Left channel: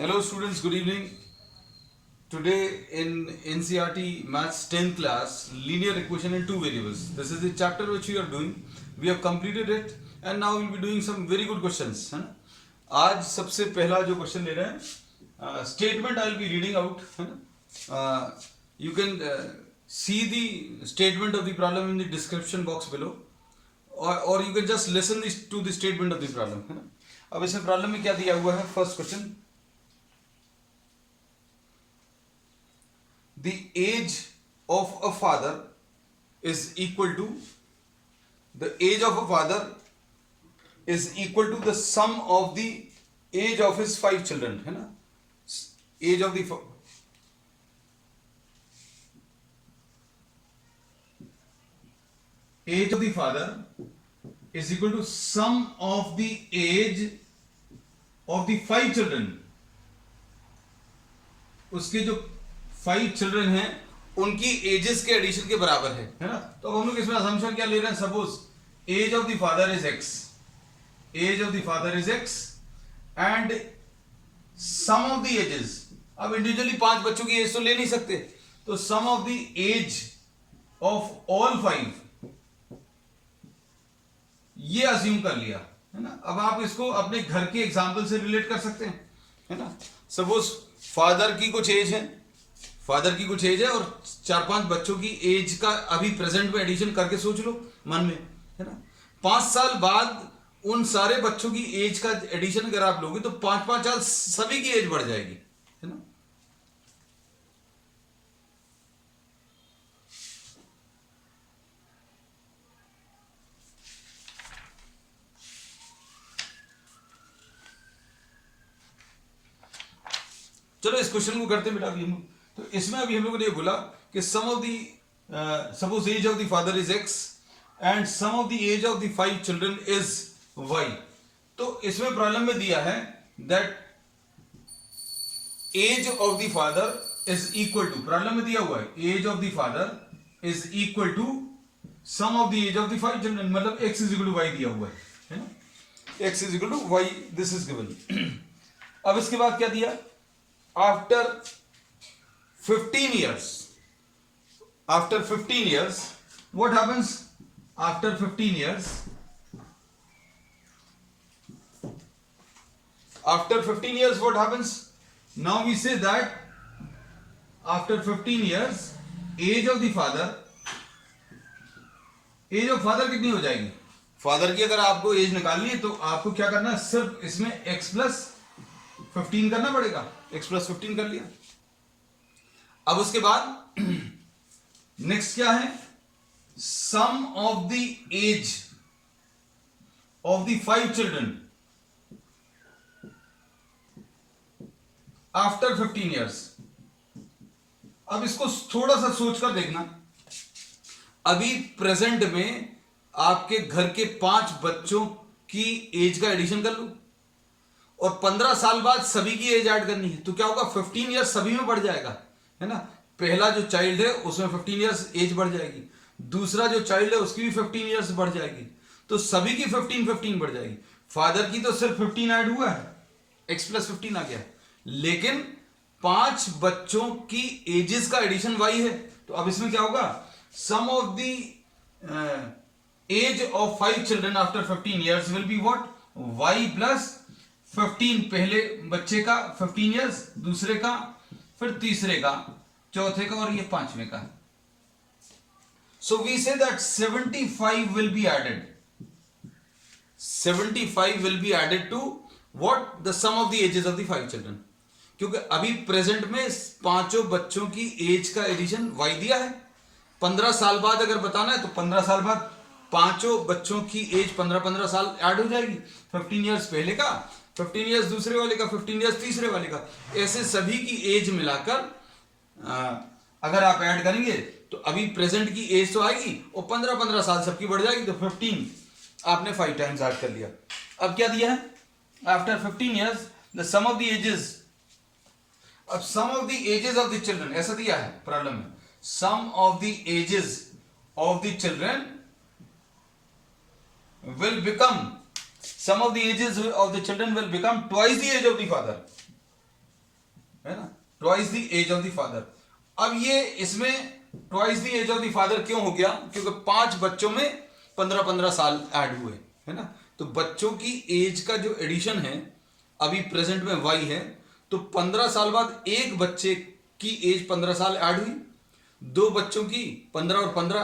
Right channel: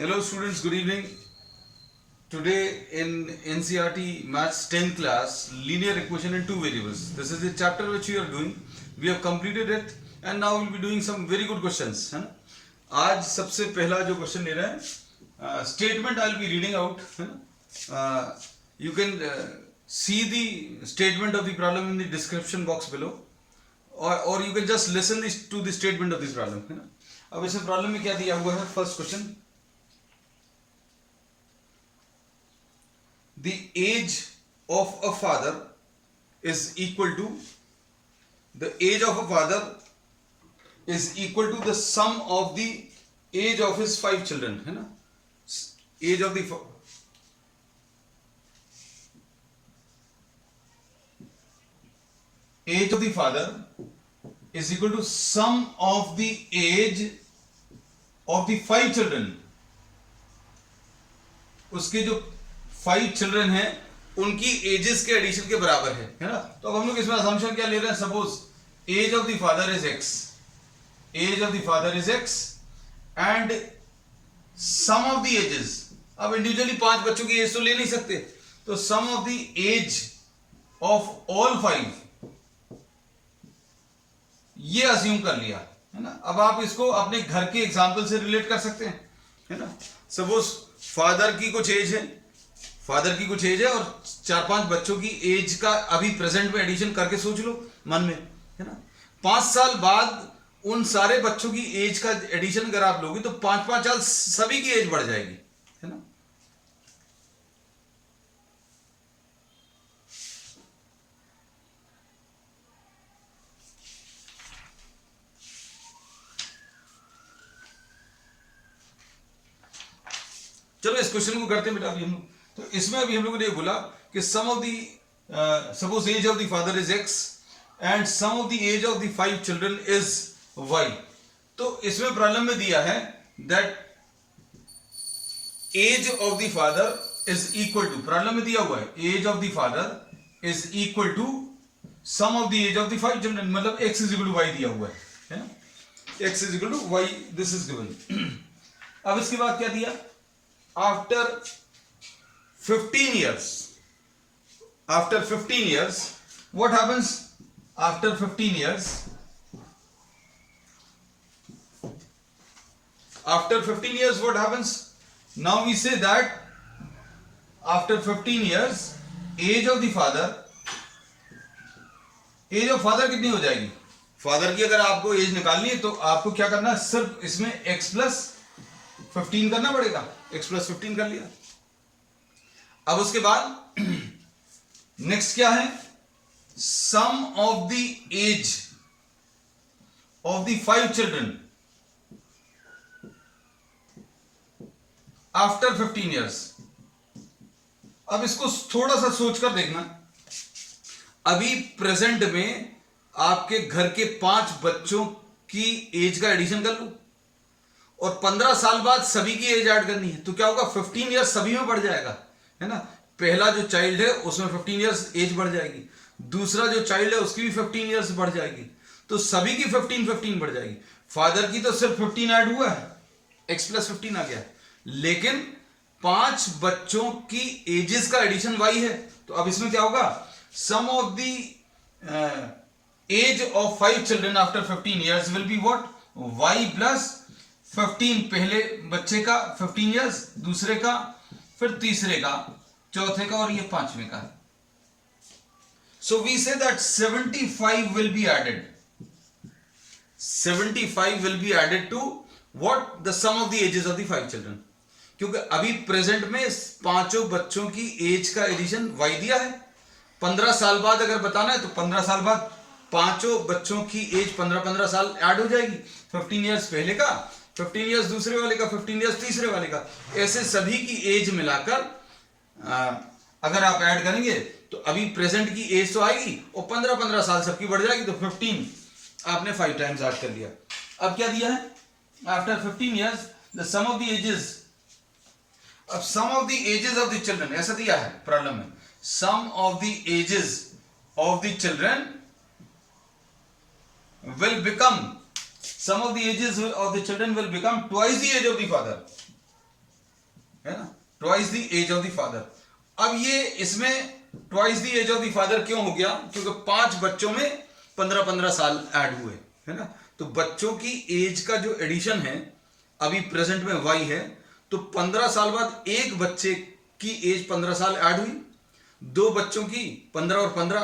Hello students, good evening. Today in NCERT Maths 10th class, linear equation in two variables. This is the chapter which we are doing. We have completed it and now we'll be doing some very good questions. है ना? आज सबसे पहला जो question ले रहे हैं statement I'll be reading out. है ना? You can see the statement of the problem in the description box below, or you can just listen to the statement of the problem. है ना? अब इसमें प्रॉब्लम में क्या दिया हुआ है? First question, the age of a father is equal to the sum of the age of his 5 children. है ना? age of the father is equal to sum of the age of the 5 children. उसके जो 5 children हैं उनकी edges के addition के बराबर है ना? तो अब हम लोग इसमें असम्पशन क्या ले रहे हैं? Suppose age of the father is x, age of the father is x and sum of the ages. अब इंडिविजुअली 5 बच्चों की एज तो ले नहीं सकते, तो sum of the age of all 5 ये अज्यूम कर लिया, है ना? अब आप इसको अपने घर के एग्जाम्पल से रिलेट कर सकते हैं, है ना? सपोज फादर की कुछ एज है और 4-5 बच्चों की एज का अभी प्रेजेंट में एडिशन करके सोच लो मन में, है ना? 5 साल बाद उन सारे बच्चों की एज का एडिशन अगर आप लोगे तो 5-5 साल सभी की एज बढ़ जाएगी, है ना? चलो इस क्वेश्चन को करते हैं बेटा. अभी हम तो इसमें अभी हम लोगों ने ये बोला कि sum of the suppose age of the father is x and sum of the age of the 5 children is y. तो इसमें प्रॉब्लम में दिया है that age of the father is equal to, problem में दिया हुआ है age of the father is equal to sum of the age of the 5 children, मतलब x is equal to y दिया हुआ है ना? X is equal to Y, this is given. अब इसके बाद क्या दिया? After 15 years, what happens? After 15 years, what happens? Now we say that after 15 years, age of father कितनी हो जाएगी? फादर की अगर आपको एज निकालनी है तो आपको क्या करना है? सिर्फ इसमें x प्लस 15 करना पड़ेगा. x प्लस 15 कर लिया. अब उसके बाद नेक्स्ट क्या है? Sum of the age of the 5 children after 15 years. अब इसको थोड़ा सा सोचकर देखना. अभी प्रेजेंट में आपके घर के 5 बच्चों की एज का एडिशन कर लो और 15 साल बाद सभी की एज ऐड करनी है, तो क्या होगा? 15 ईयर्स सभी में बढ़ जाएगा, है ना? पहला जो चाइल्ड है उसमें 15 ईयर्स एज बढ़ जाएगी, दूसरा जो चाइल्ड है उसकी भी 15 ईयर्स बढ़ जाएगी, तो सभी की 15 बढ़ जाएगी. फादर की तो सिर्फ 15 ऐड हुआ है, x प्लस 15 आ गया, लेकिन 5 बच्चों की एजेस का एडिशन y है. तो अब इसमें क्या होगा? Sum of the age of 5 children after 15 years will be what? y plus 15. पहले बच्चे का 15 ईयर्स, दूसरे का, फिर तीसरे का, चौथे का और ये 5वें का. So we say that 75 will be added. 75 will be added to what? The sum of the ages of the 5 children. क्योंकि अभी प्रेजेंट में 5 बच्चों की एज का एडिशन y दिया है. 15 साल बाद अगर बताना है तो 15 साल बाद 5 बच्चों की एज 15 साल ऐड हो जाएगी. 15 ईयर्स पहले का, 15 ईयर्स दूसरे वाले का, 15 ईयर्स तीसरे वाले का, ऐसे सभी की एज मिलाकर अगर आप ऐड करेंगे तो अभी प्रेजेंट की एज तो आएगी और 15 साल सबकी बढ़ जाएगी, तो 15 आपने 5 टाइम्स ऐड कर लिया. अब क्या दिया है? After 15 years the sum of the ages, अब sum of the ages of the children ऐसा दिया है प्रॉब्लम में. Sum of the ages of the children will become, some of the ages of the children will become twice the age of the father. है ना, twice the age of the father. अब ये इसमें twice the age of the father क्यों हो गया, क्योंकि 5 बच्चों में 15-15 साल ऐड हुए, है ना। तो बच्चों की एज का जो एडिशन है अभी प्रेजेंट में y है, तो 15 साल बाद एक बच्चे की एज 15 साल ऐड हुई, 2 बच्चों की 15 और 15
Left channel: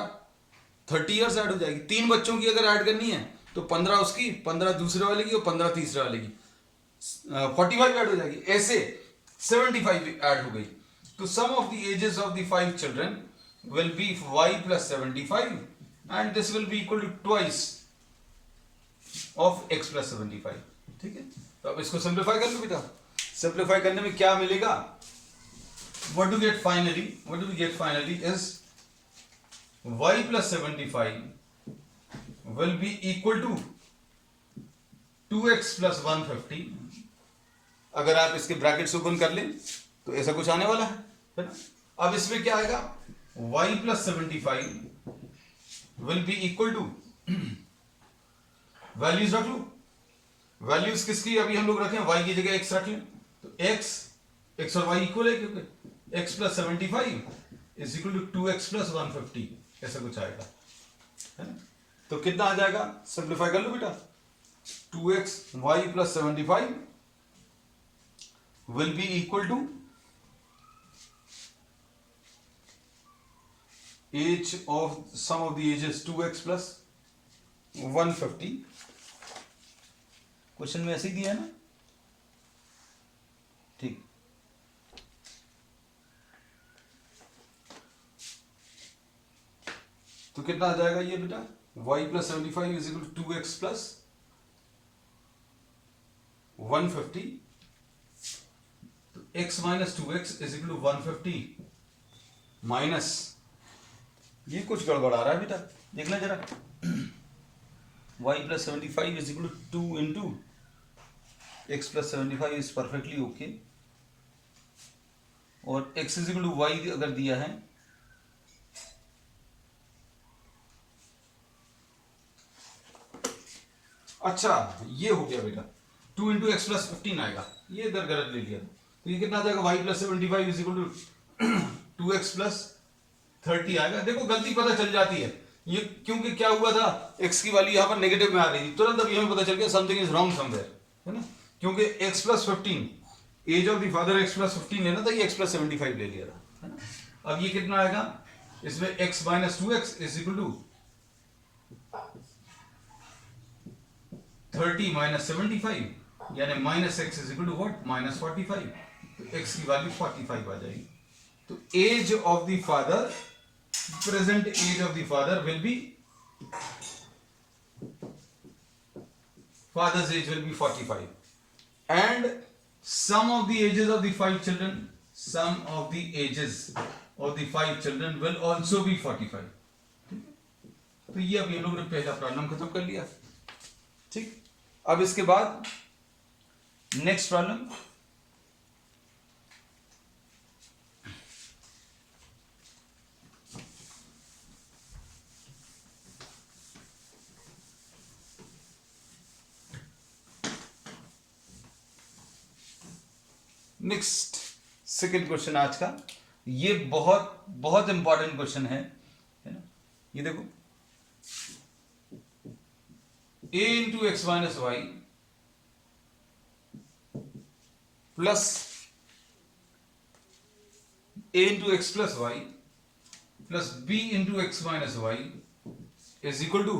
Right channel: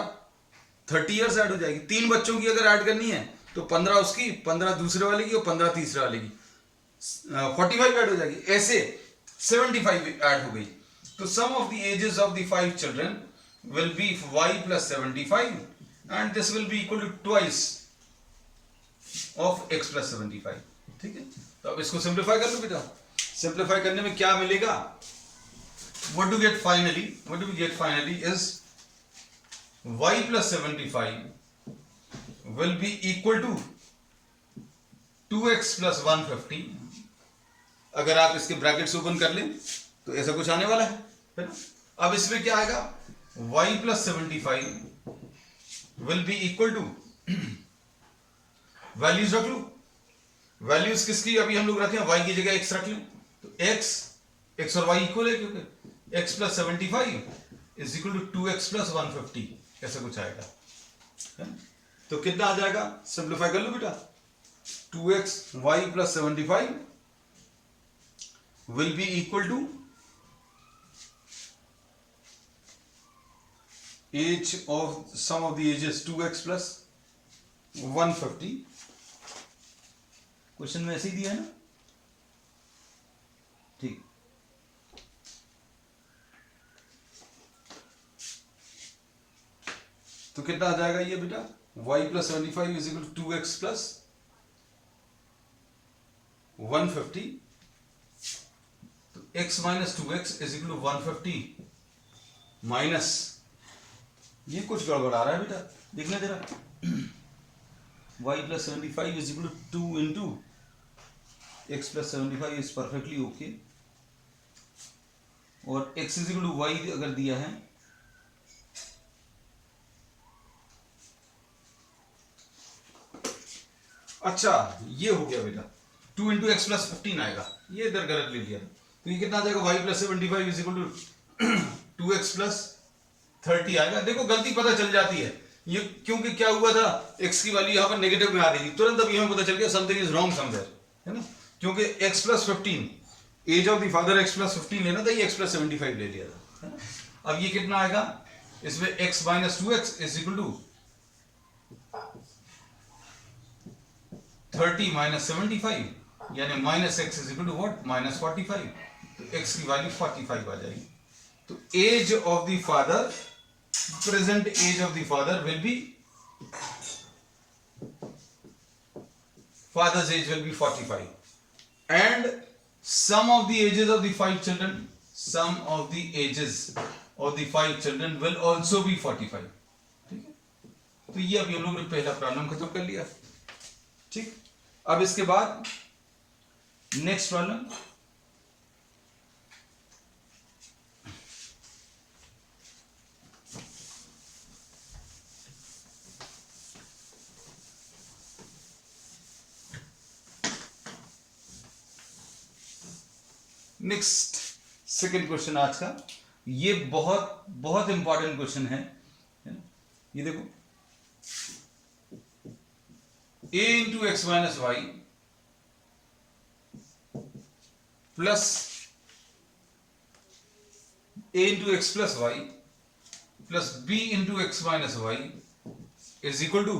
30 ईयर्स ऐड हो जाएगी। 3 बच्चों की अगर ऐड करनी है तो 15 उसकी, 15 दूसरे वाले की और 15 तीसरे वाले की, 45 ऐड हो जाएगी। ऐसे 75 ऐड हो गई। तो sum of the ages of the 5 children will be y plus 75 and this will be equal to twice of x plus 75। ठीक है, तो अब इसको सिंप्लीफाई कर लो बेटा। सिंप्लीफाई करने में क्या मिलेगा, what do we get finally is y plus 75 will be equal to 2x plus 150। अगर आप इसके ब्रैकेट्स ओपन कर लें तो ऐसा कुछ आने वाला है ना। अब इसमें क्या आएगा, y plus 75 will be equal to values रख लो। वैल्यूज किसकी अभी हम लोग रखें, y की जगह x रख लें, तो x और y इक्वल है, क्योंकि x plus 75 is equal to 2x plus 150, ऐसा कुछ आएगा, है ना। तो कितना आ जाएगा, सिंप्लीफाई कर लो बेटा। 2x y plus 75 will be equal to age of sum of the ages 2x plus 150। Question में ऐसे ही दिया है ना, ठीक। तो कितना आ जाएगा ये बेटा, y plus 75 is equal to 2x plus 150। तो x minus 2x is equal to 150 minus, ये कुछ गड़बड़ आ रहा है बेटा, देख लें जरा। y plus 75 is equal to 2 into x plus 75 is perfectly okay, और x is equal to y अगर दिया है, अच्छा ये हो गया बेटा, 2 into x plus 15 आएगा, ये इधर गलत ले लिया था। तो ये कितना आ जाएगा, y plus 75 is equal to 2x plus 30 आएगा। देखो गलती पता चल जाती है ये, क्योंकि क्या हुआ था, x की वैल्यू यहाँ पर नेगेटिव में आ रही थी, तुरंत अभी हमें पता चल गया समथिंग इज रॉन्ग समवेयर, है ना। क्योंकि x plus 15 age of the father x plus 15 लेना था, ये x plus 75 ले लिया था, है ना। अब ये कितना आएगा, इसमें x minus 2x is equal to 30 minus 75, यानी minus x is equal to what, minus 45। तो x की वैल्यू 45 आ जाएगी। तो age of the father, present age of the father will be, father's age will be 45, and sum of the ages of the 5 children, sum of the ages of the 5 children will also be 45। ठीक है, तो ये अभी हम लोग ने पहला problem खत्म कर लिया, ठीक। अब इसके बाद next problem, next second question आज का, ये बहुत बहुत इंपॉर्टेंट क्वेश्चन है ना। ये देखो, a into x minus y plus a into x plus y plus b into x minus y is equal to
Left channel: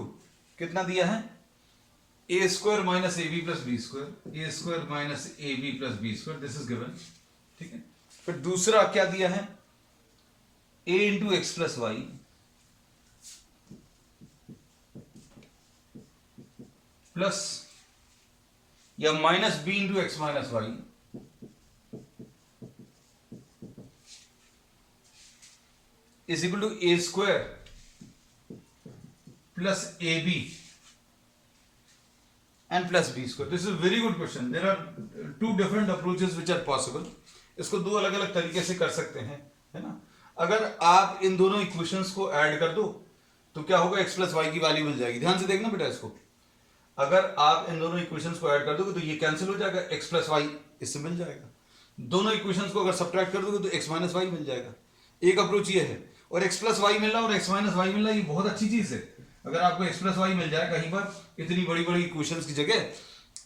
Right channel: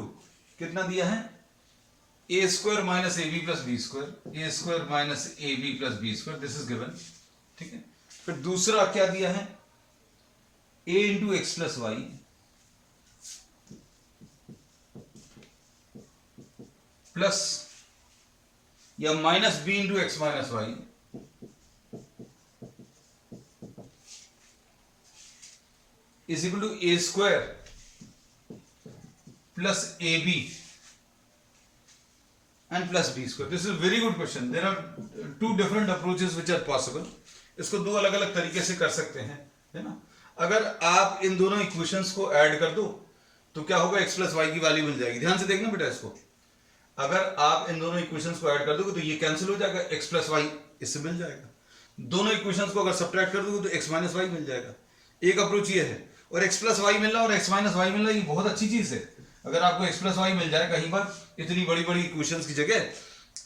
कितना दिया है, a square minus A B plus B square, a square minus A B plus B square, this is given, ठीक है। फिर दूसरा क्या दिया है, a into x plus y plus या minus b into x minus y is equal to A square plus A B and plus b square। This is a very good question. There are two different approaches which are possible। इसको दो अलग अलग तरीके से कर सकते हैं, है ना। अगर आप इन दोनों इक्वेशंस को ऐड कर दो तो क्या होगा, x प्लस वाई की वैल्यू मिल जाएगी। ध्यान से देखना बेटा इसको, अगर आप इन दोनों इक्वेशंस को ऐड कर दोगे तो ये कैंसिल हो जाएगा, x प्लस वाई इससे मिल जाएगा। दोनों इक्वेशंस को अगर सब्ट्रैक्ट कर दोगे तो x माइनस वाई मिल जाएगा। एक अप्रोच ये है, और x प्लस वाई मिलना और x माइनस वाई मिलना ये बहुत अच्छी चीज है। अगर आपको x प्लस वाई मिल जाए कहीं पर इतनी बड़ी बड़ी इक्वेशंस की जगह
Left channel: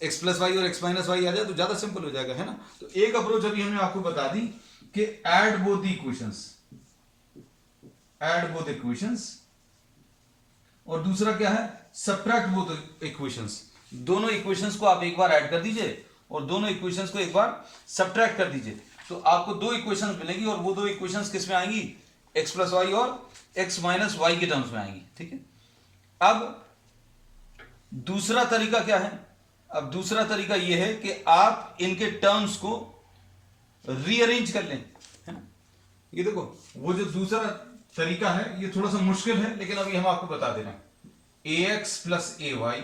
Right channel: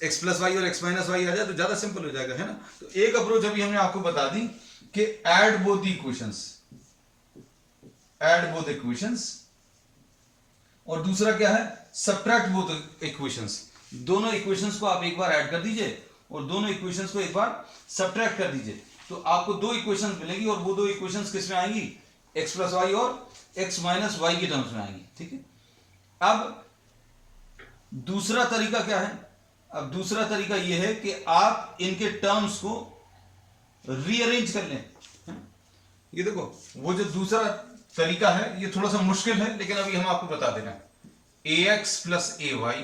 x प्लस वाई और x माइनस वाई आ जाए तो ज्यादा सिंपल हो जाएगा, है ना। तो एक अप्रोच अभी हमने आपको बता दी कि add both the equations, add both equations, और दूसरा क्या है, सब्ट्रैक्ट बोथ इक्वेशंस। दोनों इक्वेशंस को आप एक बार ऐड कर दीजिए और दोनों इक्वेशंस को एक बार सब्ट्रैक्ट कर दीजिए, तो आपको दो इक्वेशंस मिलेंगी, और वो दो इक्वेशंस किस में आएंगी, x प्लस वाई और x माइनस वाई के टर्म्स में आएंगी, ठीक है। अब दूसरा तरीका क्या है, अब दूसरा तरीका यह है कि आप इनके टर्म्स को रीअरेंज कर लें, है ना। ये देखो वो जो दूसरा तरीका है ये थोड़ा सा मुश्किल है, लेकिन अभी हम आपको बता दे रहे हैं। ax plus A Y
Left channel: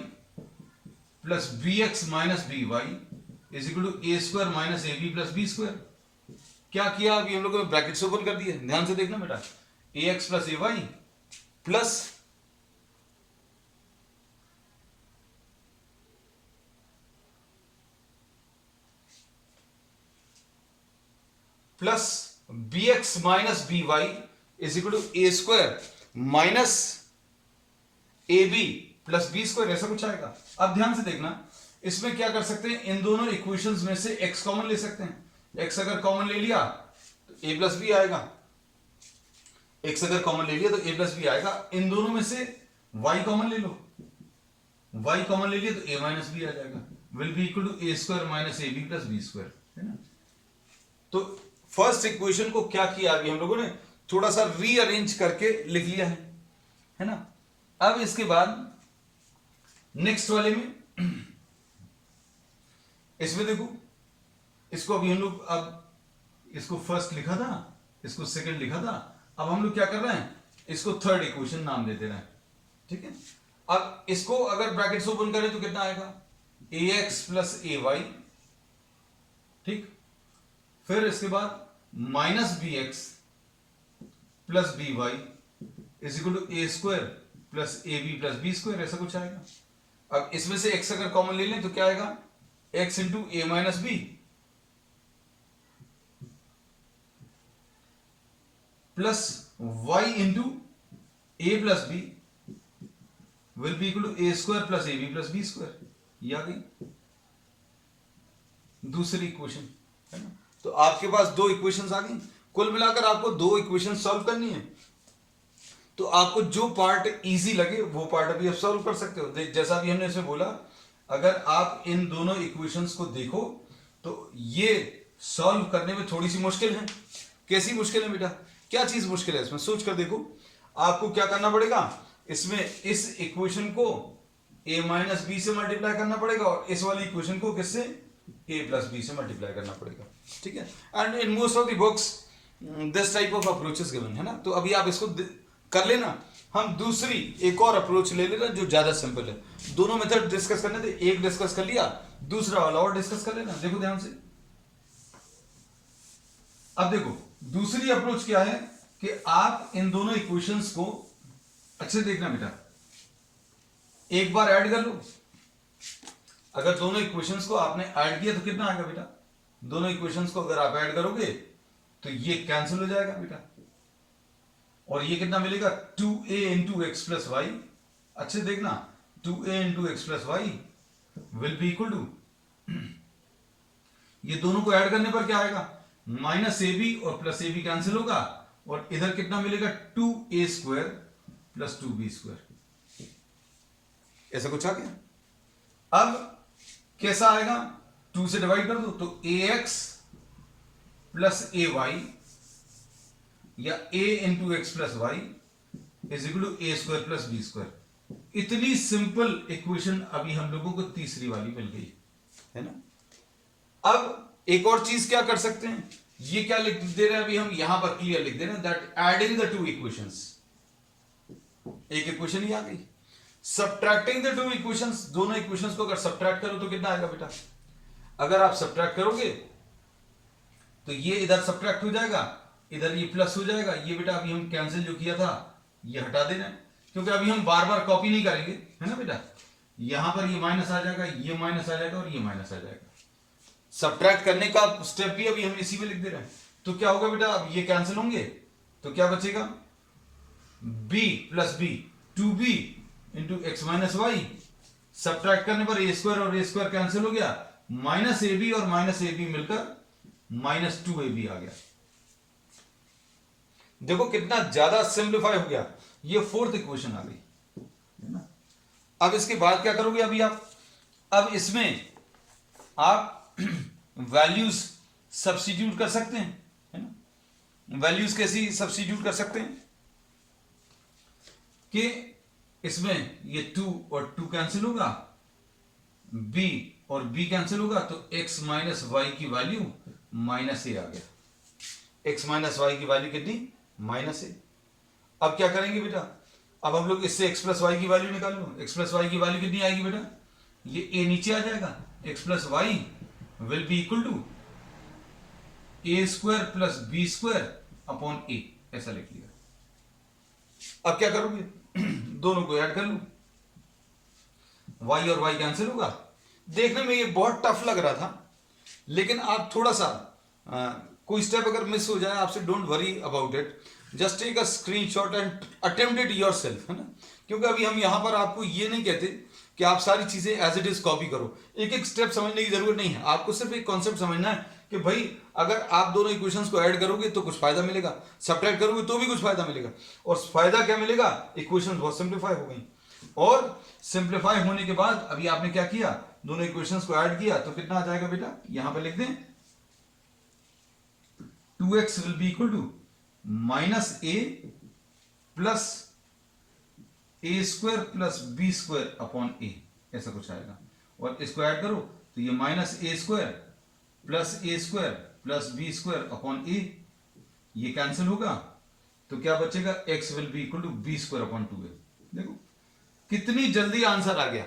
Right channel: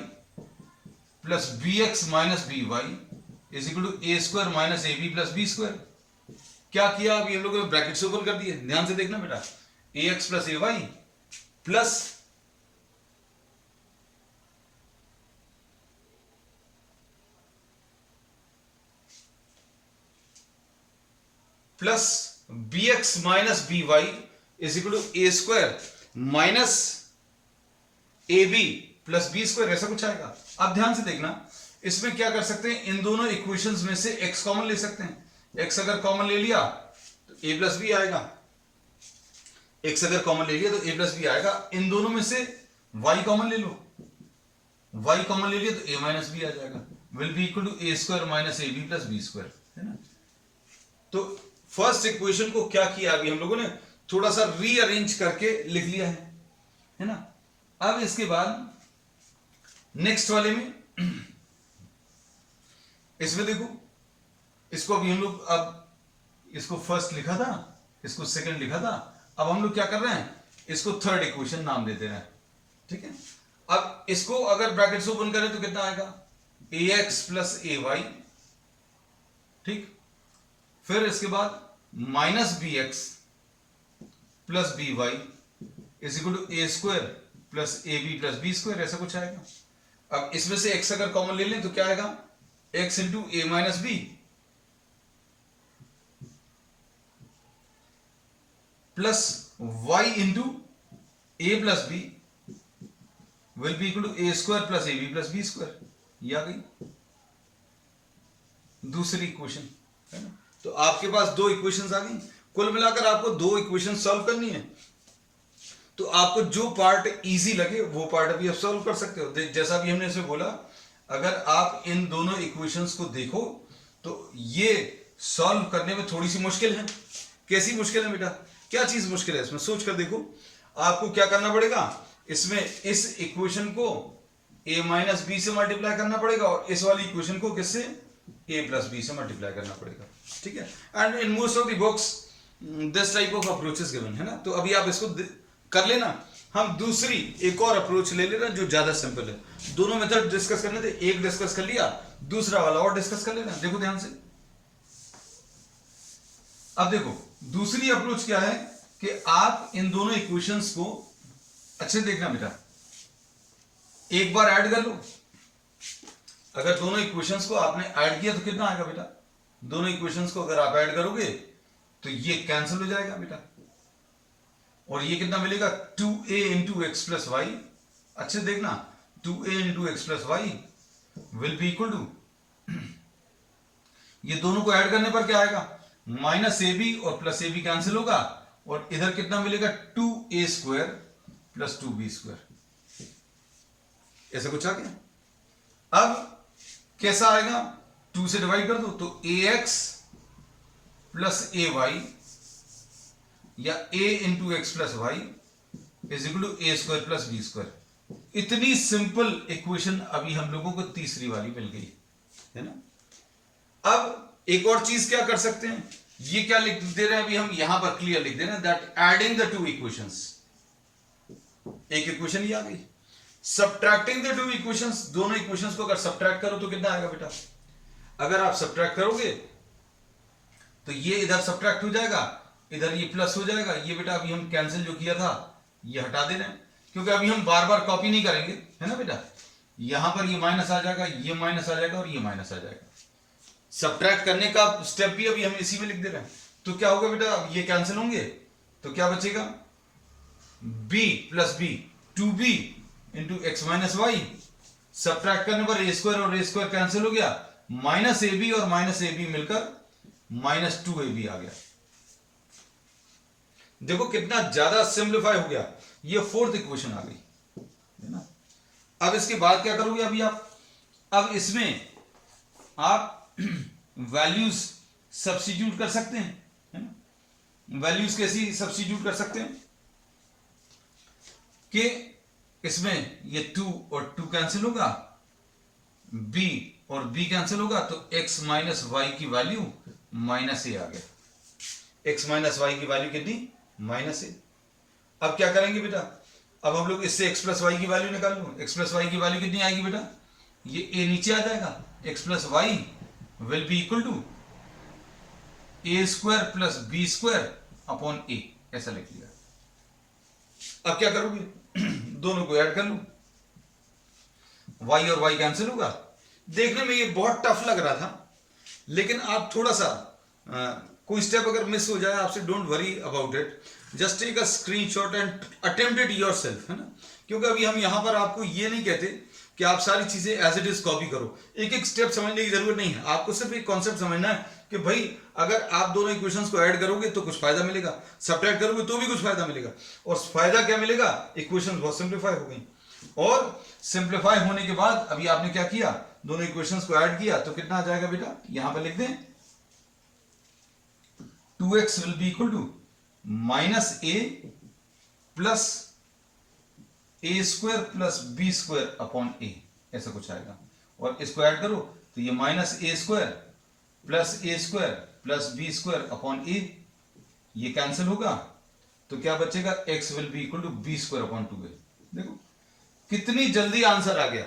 plus B X minus B Y is equal to A square minus A B plus B square. क्या किया, अभी हम लोगों ने ब्रैकेट्स ओपन कर दिए, ध्यान से देखना बेटा। ax plus A Y plus B X minus B Y is equal to A square minus A B plus B square, ऐसा कुछ आएगा। अब ध्यान से देखना, इसमें क्या कर सकते हैं, इन दोनों इक्वेशंस में से x कॉमन ले सकते हैं। x अगर कॉमन ले लिया तो a प्लस बी आएगा, x अगर कॉमन ले लिया तो a प्लस बी आएगा। इन दोनों में से y कॉमन ले लो, y कॉमन ले लिया तो a माइनस बी आ जाएगा, will be equal to A square minus A B plus B square, है ना। तो फर्स्ट इक्वेशन को क्या किया अभी हम लोगों ने, थोड़ा सा रीअरेंज करके लिख लिया है ना। अब इसके बाद नेक्स्ट वाले में इसमें देखो, इसको अभी हम लोग, अब इसको फर्स्ट लिखा था, इसको सेकंड लिखा था, अब हम लोग क्या कर रहे हैं, इसको थर्ड इक्वेशन नाम दे दे रहे हैं, ठीक है। अब इसको अगर ब्रैकेट्स ओपन करें तो कितना आएगा, ax प्लस ए वाई, ठीक, फिर इसके बाद minus B X plus B Y is equal to A square plus A B plus B square, ऐसा कुछ आएगा। अब इसमें से x अगर कॉमन ले लें तो क्या आएगा, x into A minus B plus y into A plus B will be equal to A square plus A B plus B square. ये आ गई दूसरी इक्वेशन, है ना। तो आपके पास दो इक्वेशंस आ गई। कुल मिलाकर आपको दो इक्वेशन सॉल्व करनी है, तो आपको जो पार्ट इजी लगे वो पार्ट अभी आप सॉल्व कर सकते हो। जैसा भी हमने इसमें बोला, अगर आप इन दोनों इक्वेशंस को देखो तो ये सॉल्व करने में थोड़ी सी मुश्किल है। कैसी मुश्किल है बेटा, क्या चीज मुश्किल है इसमें, सोच कर देखो। आपको क्या करना पड़ेगा, इसमें इस इक्वेशन को a माइनस बी से मल्टीप्लाई करना पड़ेगा और इस वाली इक्वेशन को किससे, a प्लस बी से मल्टीप्लाई करना पड़ेगा, ठीक है। And in most of the books this type of approach is given, है ना। तो अभी आप इसको कर लेना। हम दूसरी एक और अप्रोच ले लेना जो ज्यादा सिंपल है। दोनों मेथड डिस्कस करने थे, एक डिस्कस कर लिया, दूसरा वाला और डिस्कस कर लेना। देखो ध्यान से, अब देखो दूसरी अप्रोच क्या है कि आप इन दोनों इक्वेशंस को अच्छे देखना बेटा, एक बार ऐड कर लो। अगर दोनों इक्वेशंस को आपने ऐड किया तो कितना आएगा बेटा, दोनों इक्वेशंस को अगर आप ऐड करोगे तो ये कैंसिल हो जाएगा बेटा, और ये कितना मिलेगा, 2a into x plus Y. अच्छे देखना, 2a into x plus Y will be equal to, ये दोनों को ऐड करने पर क्या आएगा, माइनस ए बी और प्लस ए बी कैंसिल होगा, और इधर कितना मिलेगा, 2a square plus 2b square. ऐसा कुछ आ गया। अब कैसा आएगा, 2 से डिवाइड कर दो तो ax प्लस ए वाई या a into x plus Y is equal to A square plus B square. इतनी सिंपल इक्वेशन अभी हम लोगों को तीसरी वाली मिल गई, है ना। अब एक और चीज क्या कर सकते हैं, ये क्या लिख दे रहे हैं अभी हम यहां पर क्लियर लिख दे रहे हैं, that adding the two equations, एक इक्वेशन ही आ गई। सब्ट्रैक्टिंग द टू इक्वेशंस, दोनों इक्वेशंस को अगर सब्ट्रैक्ट करो तो कितना आएगा बेटा, अगर आप सब्ट्रैक्ट करोगे तो ये इधर सब्ट्रैक्ट हो जाएगा, इधर ये प्लस हो जाएगा। ये बेटा अभी हम कैंसिल जो किया था ये हटा दे रहे हैं, क्योंकि अभी हम बार बार कॉपी नहीं करेंगे, है ना बेटा। यहां पर ये माइनस आ जाएगा, ये माइनस आ जाएगा और ये माइनस आ जाएगा। सब्ट्रैक्ट करने का स्टेप भी अभी हम इसी में लिख दे रहे हैं। तो क्या होगा बेटा, अब ये कैंसिल होंगे तो क्या बचेगा, b plus B, 2b into x minus Y. Subtract करने पर ए स्क्वायर और ए स्क्वायर कैंसिल हो गया, माइनस ए बी और माइनस ए बी मिलकर माइनस 2ab आ गया। देखो कितना ज्यादा सिंप्लीफाई हो गया, ये फोर्थ इक्वेशन आ गई है ना। अब इसके बाद क्या करोगे अभी आप, अब इसमें आप वैल्यूज सब्स्टिट्यूट कर सकते हैं, है ना। वैल्यूज कैसी सब्स्टिट्यूट कर सकते हैं कि इसमें ये 2 और 2 कैंसिल होगा, b और b कैंसिल होगा, तो x माइनस वाई की वैल्यू माइनस ए आ गया। x माइनस वाई की वैल्यू कितनी, माइनस ए। अब क्या करेंगे बेटा, अब हम लोग इससे x प्लस वाई की वैल्यू निकाल लो। x प्लस वाई की वैल्यू कितनी आएगी बेटा, ये a नीचे आ जाएगा, x plus Y will be equal to A square plus B square upon a, ऐसा लिख लिया। अब क्या करोगे, दोनों को ऐड कर लो, y और y कैंसिल होगा। देखने में ये बहुत टफ लग रहा था, लेकिन आप थोड़ा सा कोई स्टेप अगर मिस हो जाए आपसे, don't worry about it, just take a screenshot and attempt it yourself, है ना। क्योंकि अभी हम यहां पर आपको ये नहीं कहते कि आप सारी चीजें एज इट इज कॉपी करो, एक एक स्टेप समझने की जरूरत नहीं है। आपको सिर्फ एक कॉन्सेप्ट समझना है कि भाई अगर आप दोनों इक्वेशंस को ऐड करोगे तो कुछ फायदा मिलेगा, सब्ट्रैक्ट करोगे तो भी कुछ फायदा मिलेगा। और फायदा क्या मिलेगा, इक्वेशंस बहुत सिंप्लीफाई हो गई। और सिंप्लीफाई होने के बाद अभी आपने क्या किया, दोनों इक्वेशंस को ऐड किया, तो कितना आ जाएगा बेटा, यहां पे लिख दें 2x will be equal to minus a plus a square plus B square upon a, ऐसा कुछ आएगा। और इसको ऐड करो तो ये minus a square plus B square upon a, ये कैंसिल होगा, तो क्या बचेगा, x will be equal to b square upon 2a। देखो कितनी जल्दी आंसर आ गया।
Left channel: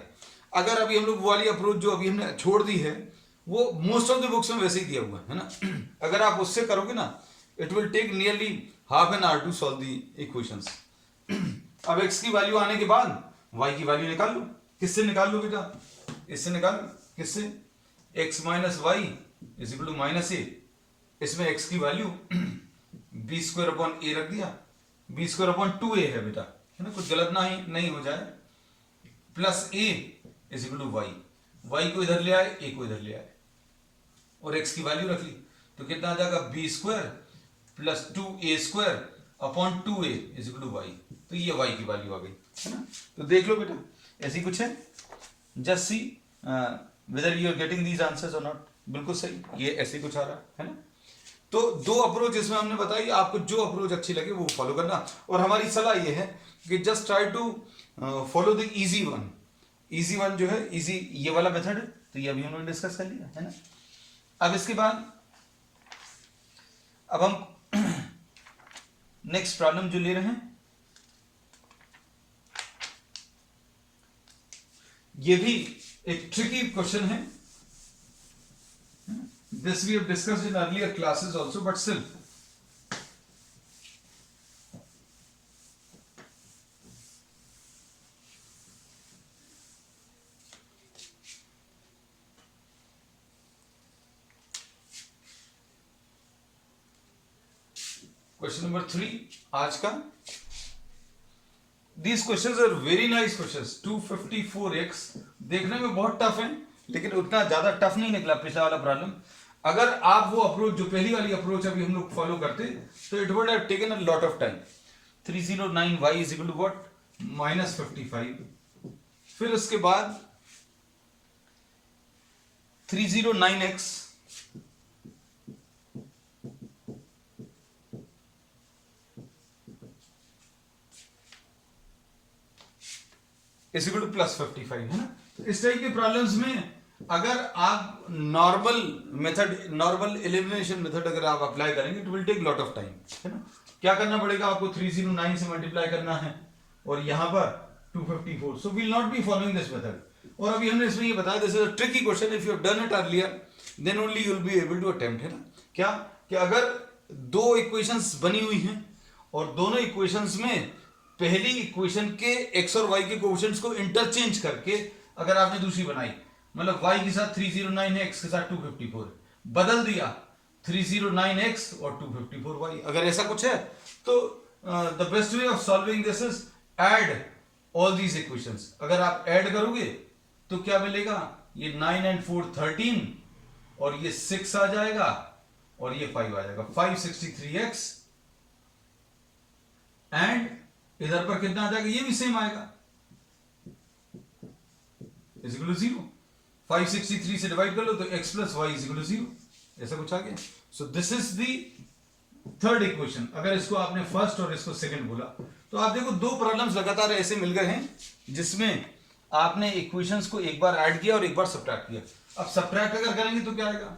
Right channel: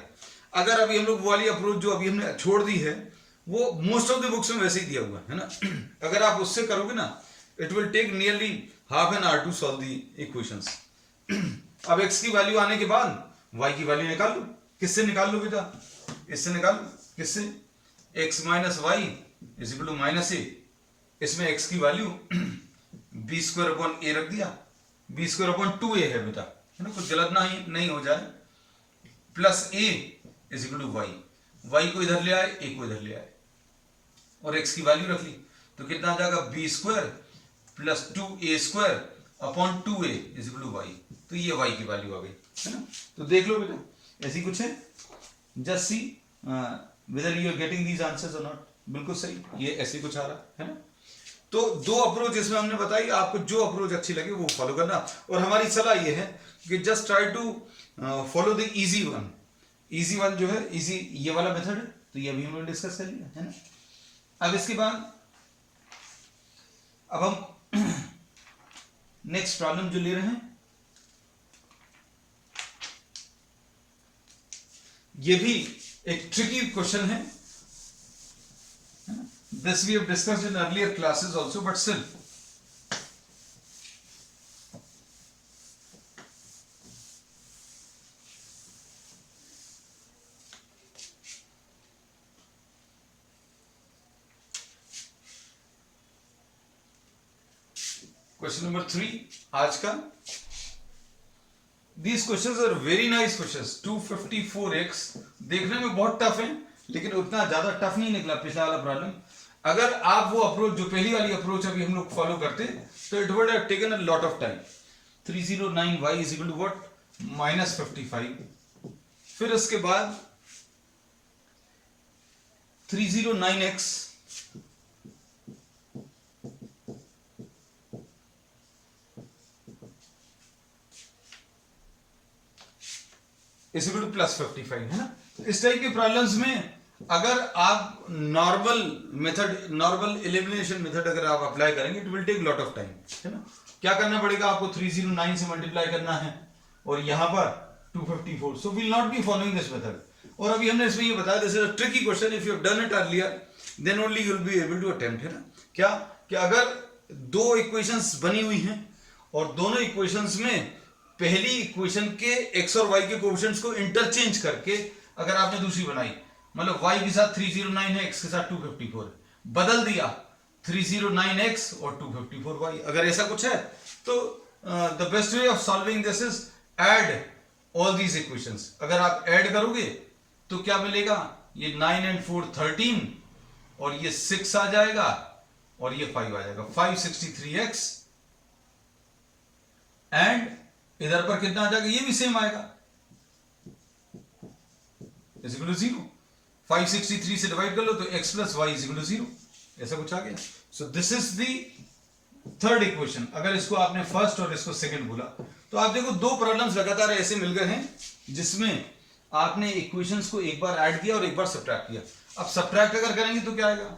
अगर अभी हम लोग वो वाली अप्रोच जो अभी हमने छोड़ दी है, वो मोस्ट ऑफ द बुक्स में वैसे ही दिया हुआ है ना। अगर आप उससे करोगे ना, it will take nearly half an hour to solve the equations. अब x की वैल्यू आने के बाद y की वैल्यू निकाल लो। किससे निकाल लो बेटा, इससे निकाल लो। किससे, x minus y is equal to minus a. इसमें x की value b square upon a रख दिया, बी स्क्वायर अपॉन 2a है बेटा, है ना, कुछ गलत नहीं हो जाए, plus a is equal to Y, Y को इधर ले आए, a को इधर ले आए, और x की वैल्यू रख ली, तो कितना आ जाएगा, B square plus 2a square upon 2a is equal to Y. तो ये y की वैल्यू आ गई, है ना। तो देख लो बेटा ऐसी कुछ है, just see whether you are getting these answers और नॉट। बिल्कुल सही, ये ऐसे कुछ आ रहा है ना। तो दो अप्रोच इसमें हमने बताई, आपको जो अप्रोच अच्छी लगे वो फॉलो करना। और हमारी सलाह ये है कि just try to follow the easy one. Easy one जो है, इजी ये वाला मेथड, तो ये अभी हम लोग डिस्कस कर लिया है ना। अब इसके बाद अब हम नेक्स्ट प्रॉब्लम जो ले रहे हैं, ये भी एक ट्रिकी क्वेश्चन है। This we have discussed in earlier classes also, but still. Question number 3 आज का। These questions are very nice questions. 254x देखने में बहुत टफ है, लेकिन उतना ज्यादा टफ नहीं निकला पिछला वाला प्रॉब्लम। अगर आप वो अप्रोच जो पहली वाली अप्रोच अभी हम लोग फॉलो करते तो it would have taken a lot of time. 309y is equal to what, -55। फिर उसके बाद 309x इज इक्वल टू +55, है ना। तो इस टाइप के प्रॉब्लम्स में अगर आप normal method, normal elimination method अगर आप अप्लाई करेंगे, it will take lot of time, है ना। क्या करना पड़ेगा आपको, 309 से मल्टीप्लाई करना है और यहां पर 254। So will not be following this method. और अभी हमने इसमें ये बताया, this is a tricky question, if you have done it earlier then only you will be able to attempt, है ना। क्या कि अगर दो इक्वेशंस बनी हुई हैं और दोनों इक्वेशंस में पहली इक्वेशन के x और y के कोएफिशिएंट्स को इंटरचेंज करके अगर आपने दूसरी बनाई, मतलब y के साथ 309 है, x के साथ 254 है, बदल दिया 309x और 254y। अगर ऐसा कुछ है तो the best way of solving this is add all these equations. अगर आप ऐड करोगे तो क्या मिलेगा, ये 9 and 4 13 और ये 6 आ जाएगा और ये 5 आ जाएगा, 563x एंड इधर पर कितना आ जाएगा, ये भी सेम आएगा, इज इक्वल टू 0। 563 से डिवाइड कर लो तो x plus Y is equal to 0, ऐसा कुछ आ गया। So this is the third equation. अगर इसको आपने फर्स्ट और इसको सेकंड बोला तो आप देखो दो प्रॉब्लम्स लगातार ऐसे मिल गए हैं जिसमें आपने इक्वेशंस को एक बार ऐड किया और एक बार सब्ट्रैक्ट किया। अब सब्ट्रैक्ट अगर करेंगे तो क्या आएगा,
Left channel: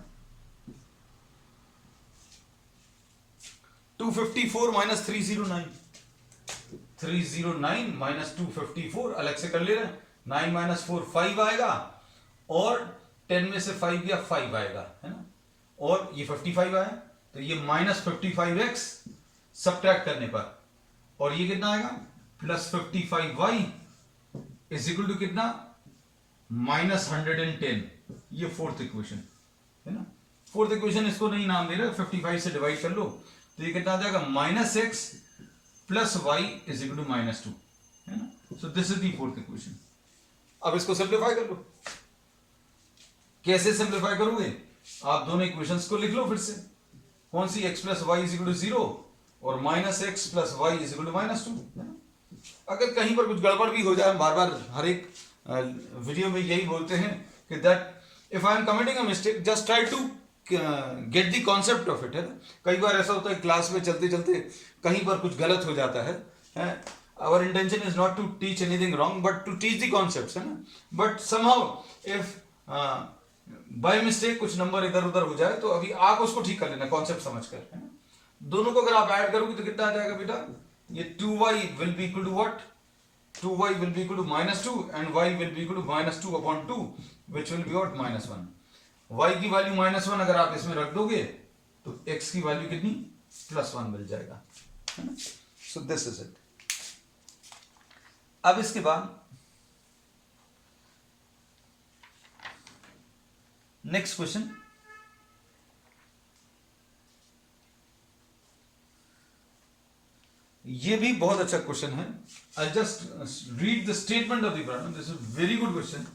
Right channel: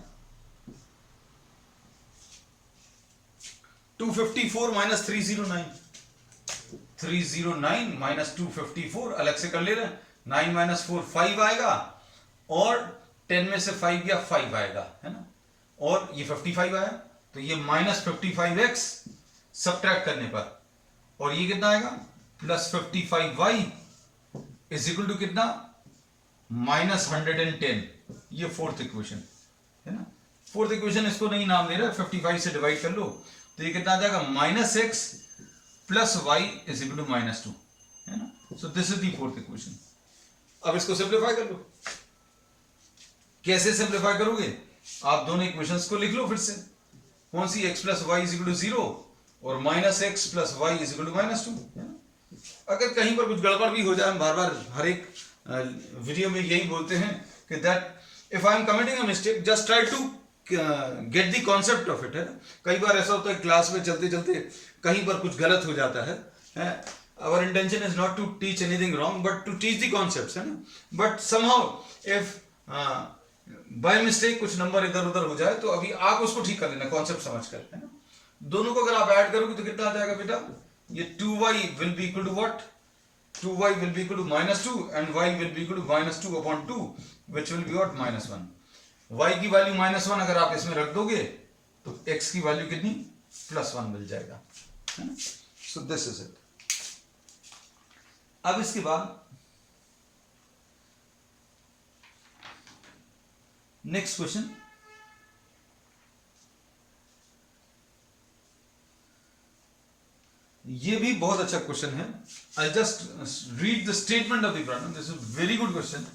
254 माइनस 309, 309 माइनस 254 अलग से कर ले रहे हैं, 9 माइनस 4 5 आएगा और 10 में से 5 गया 5 आएगा, है ना, और ये 55 आया तो ये माइनस 55x सब्ट्रैक्ट करने पर, और ये कितना आएगा plus 55y is equal to कितना माइनस 110। ये फोर्थ इक्वेशन है ना, फोर्थ इक्वेशन इसको नहीं नाम दे रहा, 55 से डिवाइड कर लो तो ये कितना आ जाएगा minus x plus Y is equal to minus 2, है ना। So this is the fourth equation. अब इसको सिंप्लीफाई कर लो। कैसे सिंप्लीफाई करोगे, आप दोनों इक्वेशंस को लिख लो फिर से, कौन सी, x plus Y is equal to 0 और minus X plus Y is equal to minus 2, है ना। अगर कहीं पर कुछ गड़बड़ भी हो जाए, हम बार बार हर एक वीडियो में यही बोलते हैं कि that if I am committing a mistake just try to get the concept of it, है ना। कई बार ऐसा होता है क्लास में चलते चलते कहीं पर कुछ गलत हो जाता है। Our intention is not to teach anything wrong but to teach the concepts, है ना। But somehow if by mistake कुछ नंबर इधर उधर हो जाए तो अभी आप उसको ठीक कर लेना कॉन्सेप्ट समझ कर, है ना। दोनों को अगर आप ऐड करोगे तो कितना आ जाएगा बेटा, ये 2y will be equal to what, 2y will be equal to minus 2 and y will be equal to minus 2 upon 2 which will be what minus 1। y की वैल्यू माइनस 1 अगर आप इसमें रख दोगे तो x की वैल्यू कितनी प्लस 1 मिल जाएगा, है ना। So this is it. अब इसके बाद नेक्स्ट क्वेश्चन, ये भी बहुत अच्छा क्वेश्चन है। I just read the statement of the problem, this is very good question.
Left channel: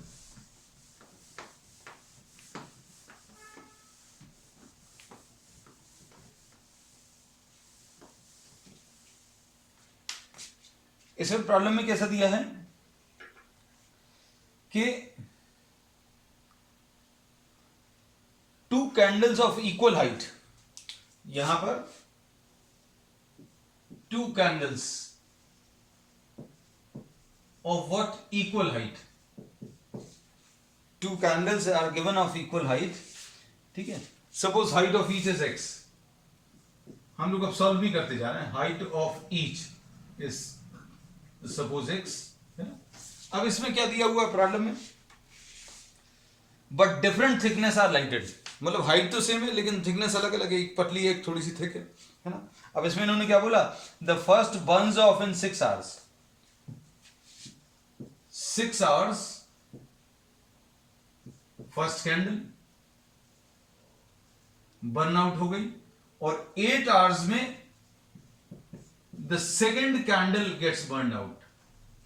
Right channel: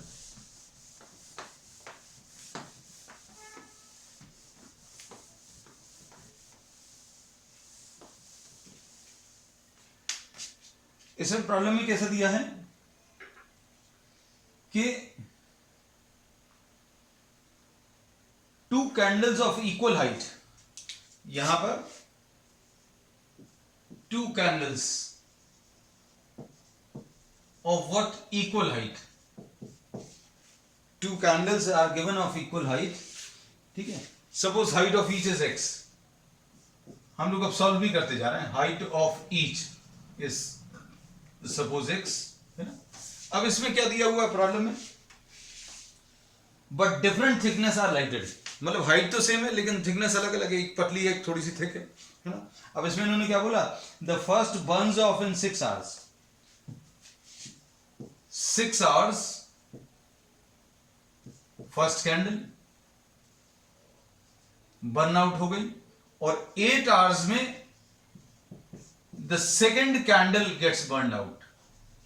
इसमें प्रॉब्लम में कैसा दिया है कि 2 कैंडल्स ऑफ इक्वल हाइट, यहां पर 2 candles of what equal height, 2 candles are given of equal height, ठीक है। suppose height of each is x, हम लोग अब सॉल्व भी करते जा रहे हैं, height of each is suppose x, है ना। अब इसमें क्या दिया हुआ है प्रॉब्लम में, but different thickness are lighted, मतलब हाइट तो सेम है लेकिन थिकनेस अलग अलग है, एक पतली है एक थोड़ी सी थिक है ना। अब इसमें इन्होंने क्या बोला, the first burns off in 6 hours, 6 hours first candle burn out हो गई और 8 आवर्स में the second candle gets burn out,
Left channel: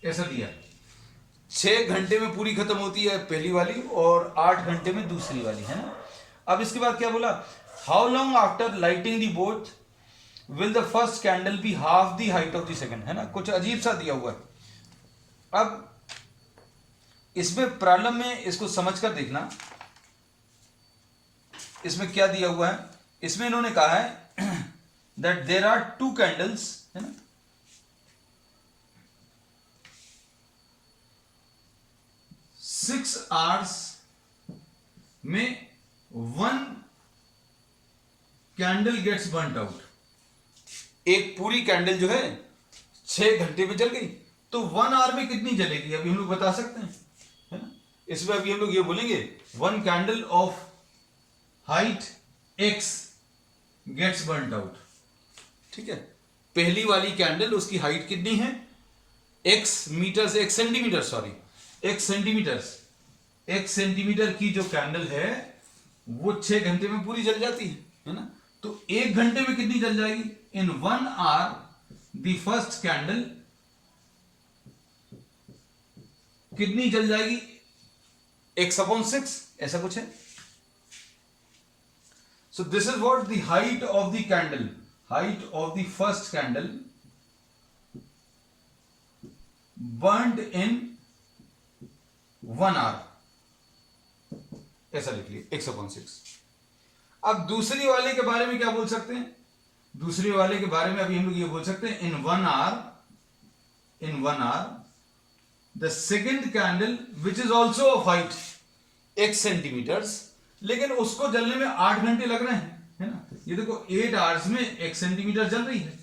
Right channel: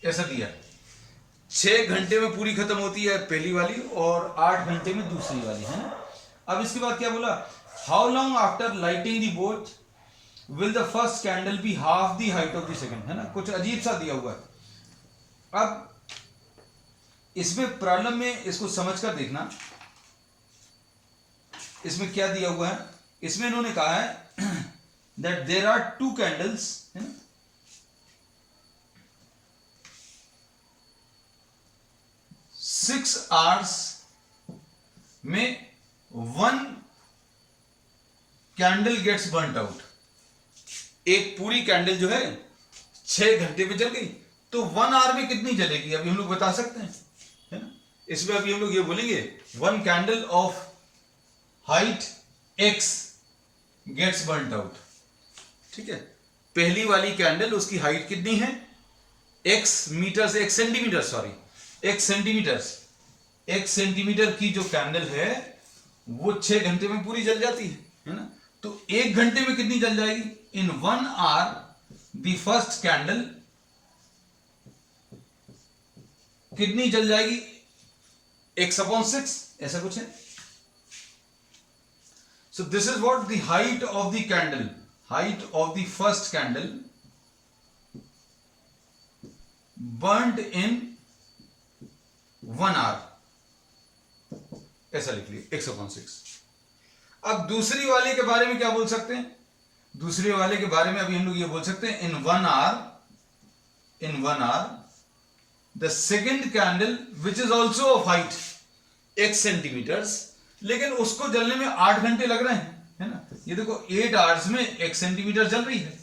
ऐसा दिया। 6 घंटे में पूरी खत्म होती है पहली वाली और 8 घंटे में दूसरी वाली, है ना। अब इसके बाद क्या बोला, how long after lighting the both will the first candle be half the height of the second, है ना। कुछ अजीब सा दिया हुआ है। अब इसमें प्रॉब्लम में इसको समझकर देखना, इसमें क्या दिया हुआ है। इसमें इन्होंने कहा है दैट देयर आर 2 कैंडल्स, है ना, 6 आवर्स में 1 कैंडल गेट्स बर्न्ट आउट। एक पूरी कैंडल जो है 6 घंटे में जल गई तो 1 आवर में कितनी जलेगी, अभी हम लोग बता सकते हैं, है ना। इसमें अभी हम लोग ये बोलेंगे 1 candle of height x gets burnt out, ठीक है। पहली वाली कैंडल उसकी हाइट कितनी है, x मीटर से, x centimetre, sorry, x centimetre की जो कैंडल है वो 6 घंटे में पूरी जल जाती है ना। तो 1 घंटे में कितनी जल जाएगी? In 1 hour the first candle कितनी जल जाएगी? x/6, ऐसा कुछ है। So this is what the height of the candle, height of the first candle burned in 1 hour, ऐसा लिख लिया x/6। अब दूसरी वाले के बारे में क्या बोल सकते हैं? दूसरे वाले के बारे में अभी हम लोग ये बोल सकते हैं in 1 hour the second candle which is also of height x centimetres, लेकिन उसको जलने में 8 घंटे लग रहे हैं, है ना। ये देखो 8 आवर्स में 1 सेंटीमीटर जल रही है।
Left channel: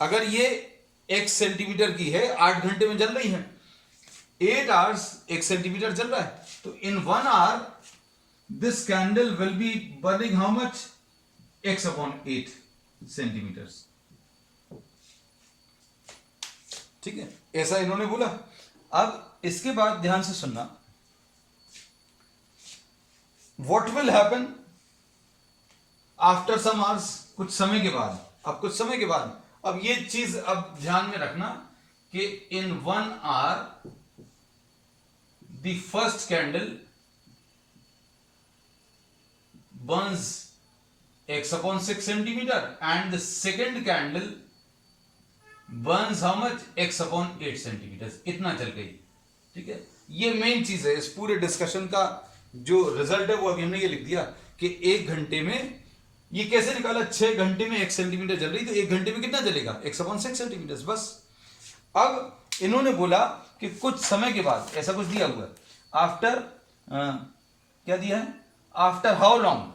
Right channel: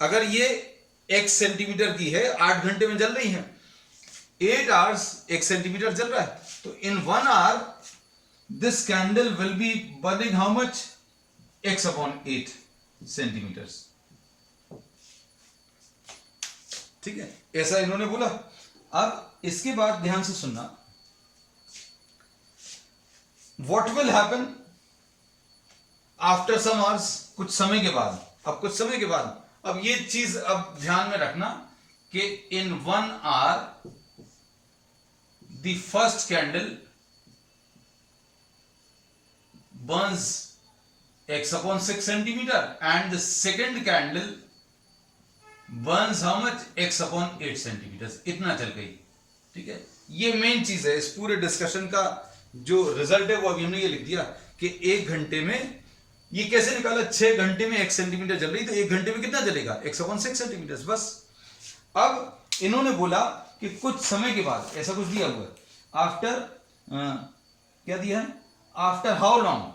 अगर ये x सेंटीमीटर की है, 8 घंटे में जल रही है, 8 आवर्स 1 सेंटीमीटर जल रहा है, तो in 1 hour this candle will be burning how much? x/8 centimetres. ठीक है, ऐसा इन्होंने बोला। अब इसके बाद ध्यान से सुनना, what will happen after some hours, कुछ समय के बाद। अब कुछ समय के बाद, अब ये चीज अब ध्यान में रखना कि in 1 hour the first candle burns x/6 centimetre and the second candle burns how much? x/8 centimetre. इतना चल गई। ठीक है, ये मेन चीज है इस पूरे डिस्कशन का। जो रिजल्ट है वो अभी हमने ये लिख दिया कि 1 घंटे में ये कैसे निकाला। 6 घंटे में 1 सेंटीमीटर जल रही, तो 1 घंटे में कितना जलेगा? x/6 सेंटीमीटर, बस। अब इन्होंने बोला कि कुछ समय के बाद, ऐसा कुछ दिया हुआ है, आफ्टर क्या दिया है? After how long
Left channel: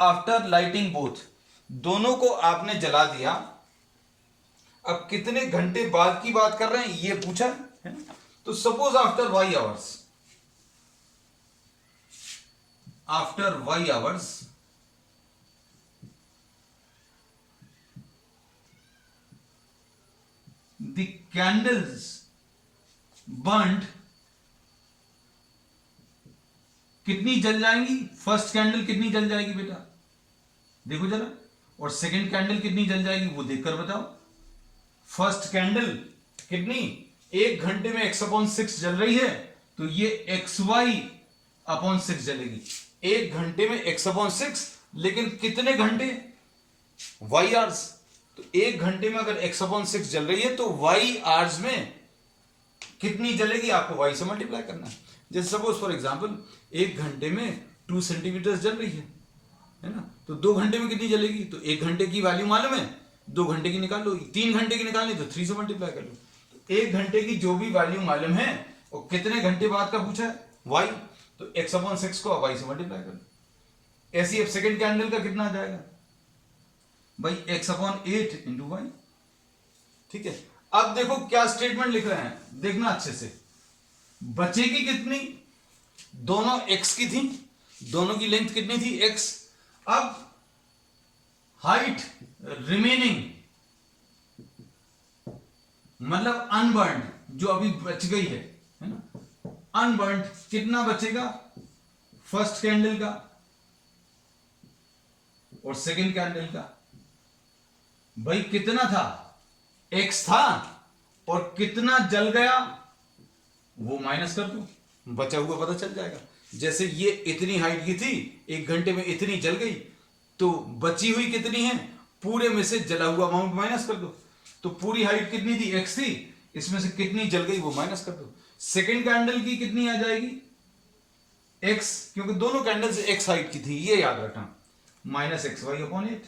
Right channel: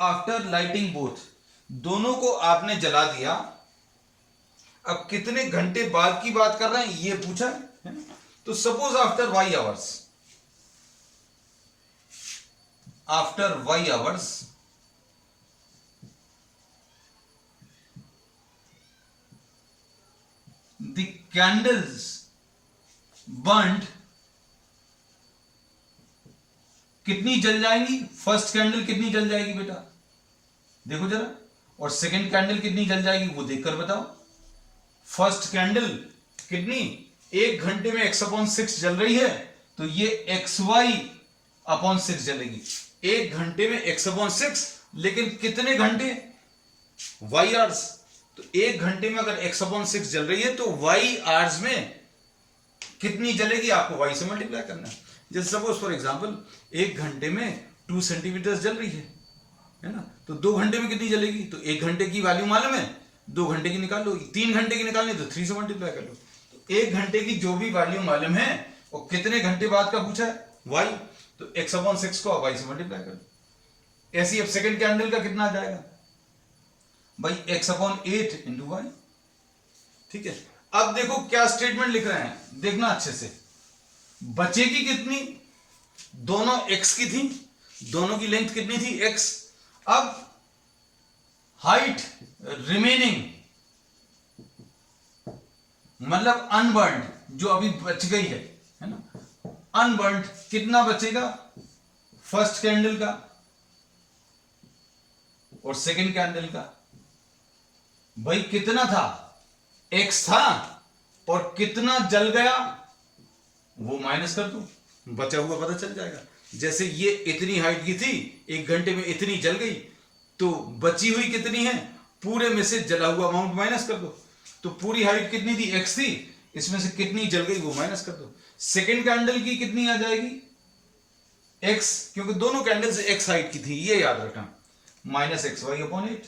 after lighting both, दोनों को आपने जला दिया। अब कितने घंटे बाद की बात कर रहे हैं ये पूछा है ना। तो suppose after y hours, the candles burned, कितनी जल जाएंगी? फर्स्ट कैंडल कितनी जल जाएगी बेटा, देखो जरा। और सेकंड कैंडल कितनी जल जाएगी वो देखकर बताओ। फर्स्ट कैंडल कितनी? 1 घंटे में x/6 जल रही है, तो ये xy/6 जलेगी। 1 घंटे में x/6, लेकिन कितने घंटे? y hours. तो 1 घंटे में अगर x/6 जल रही है तो y आवर्स में कितनी जलेगी आपको y से मल्टीप्लाई करना है। जैसे सपोज फॉर एग्जांपल 1 घंटे में 2 सेंटीमीटर जल रही है ना। तो 2 घंटे में कितनी जलेगी? तो 1 घंटे की वैल्यू मालूम है, 2 घंटे की निकाल लो। 3 घंटे की निकालनी तो 3 से मल्टीप्लाई कर लो। तो 1 घंटे की जो भी वैल्यू मालूम है और कितने घंटे बाद का पूछा है y, तो x/6 को y से मल्टीप्लाई कर लो। ऐसे ही अब सेकंड कैंडल का कितना आ जाएगा भाई? x/8 into y। ठीक है, अब देखो क्या स्टेटमेंट लिख रहे हैं, देखना अच्छे से। बचेगी कितनी? दोनों x की थी, दोनों की लेंथ कितनी थी? x। अब हाइट रिमेनिंग मतलब अनबर्न्ड, जो अभी बच गई है ना, अनबर्न्ड कितना बचेगा? फर्स्ट कैंडल का और सेकंड कैंडल का। भाई कितना था? x था, और कितना जल गया वो माइनस कर दो, बचा हुआ पता चल जाएगा। जैसे ये इतनी हाइट की थी, 1 घंटे में इतनी जल गई, तो बची हुई कितनी है? पूरे में से जला हुआ अमाउंट माइनस कर दो। तो पूरी हाइट कितनी थी? x थी, इसमें से कितनी जल गई वो माइनस कर दो। सेकेंड कैंडल की कितनी आ जाएगी? x, क्योंकि दोनों कैंडल्स x हाइट की थी, ये याद रखना, -xy/8।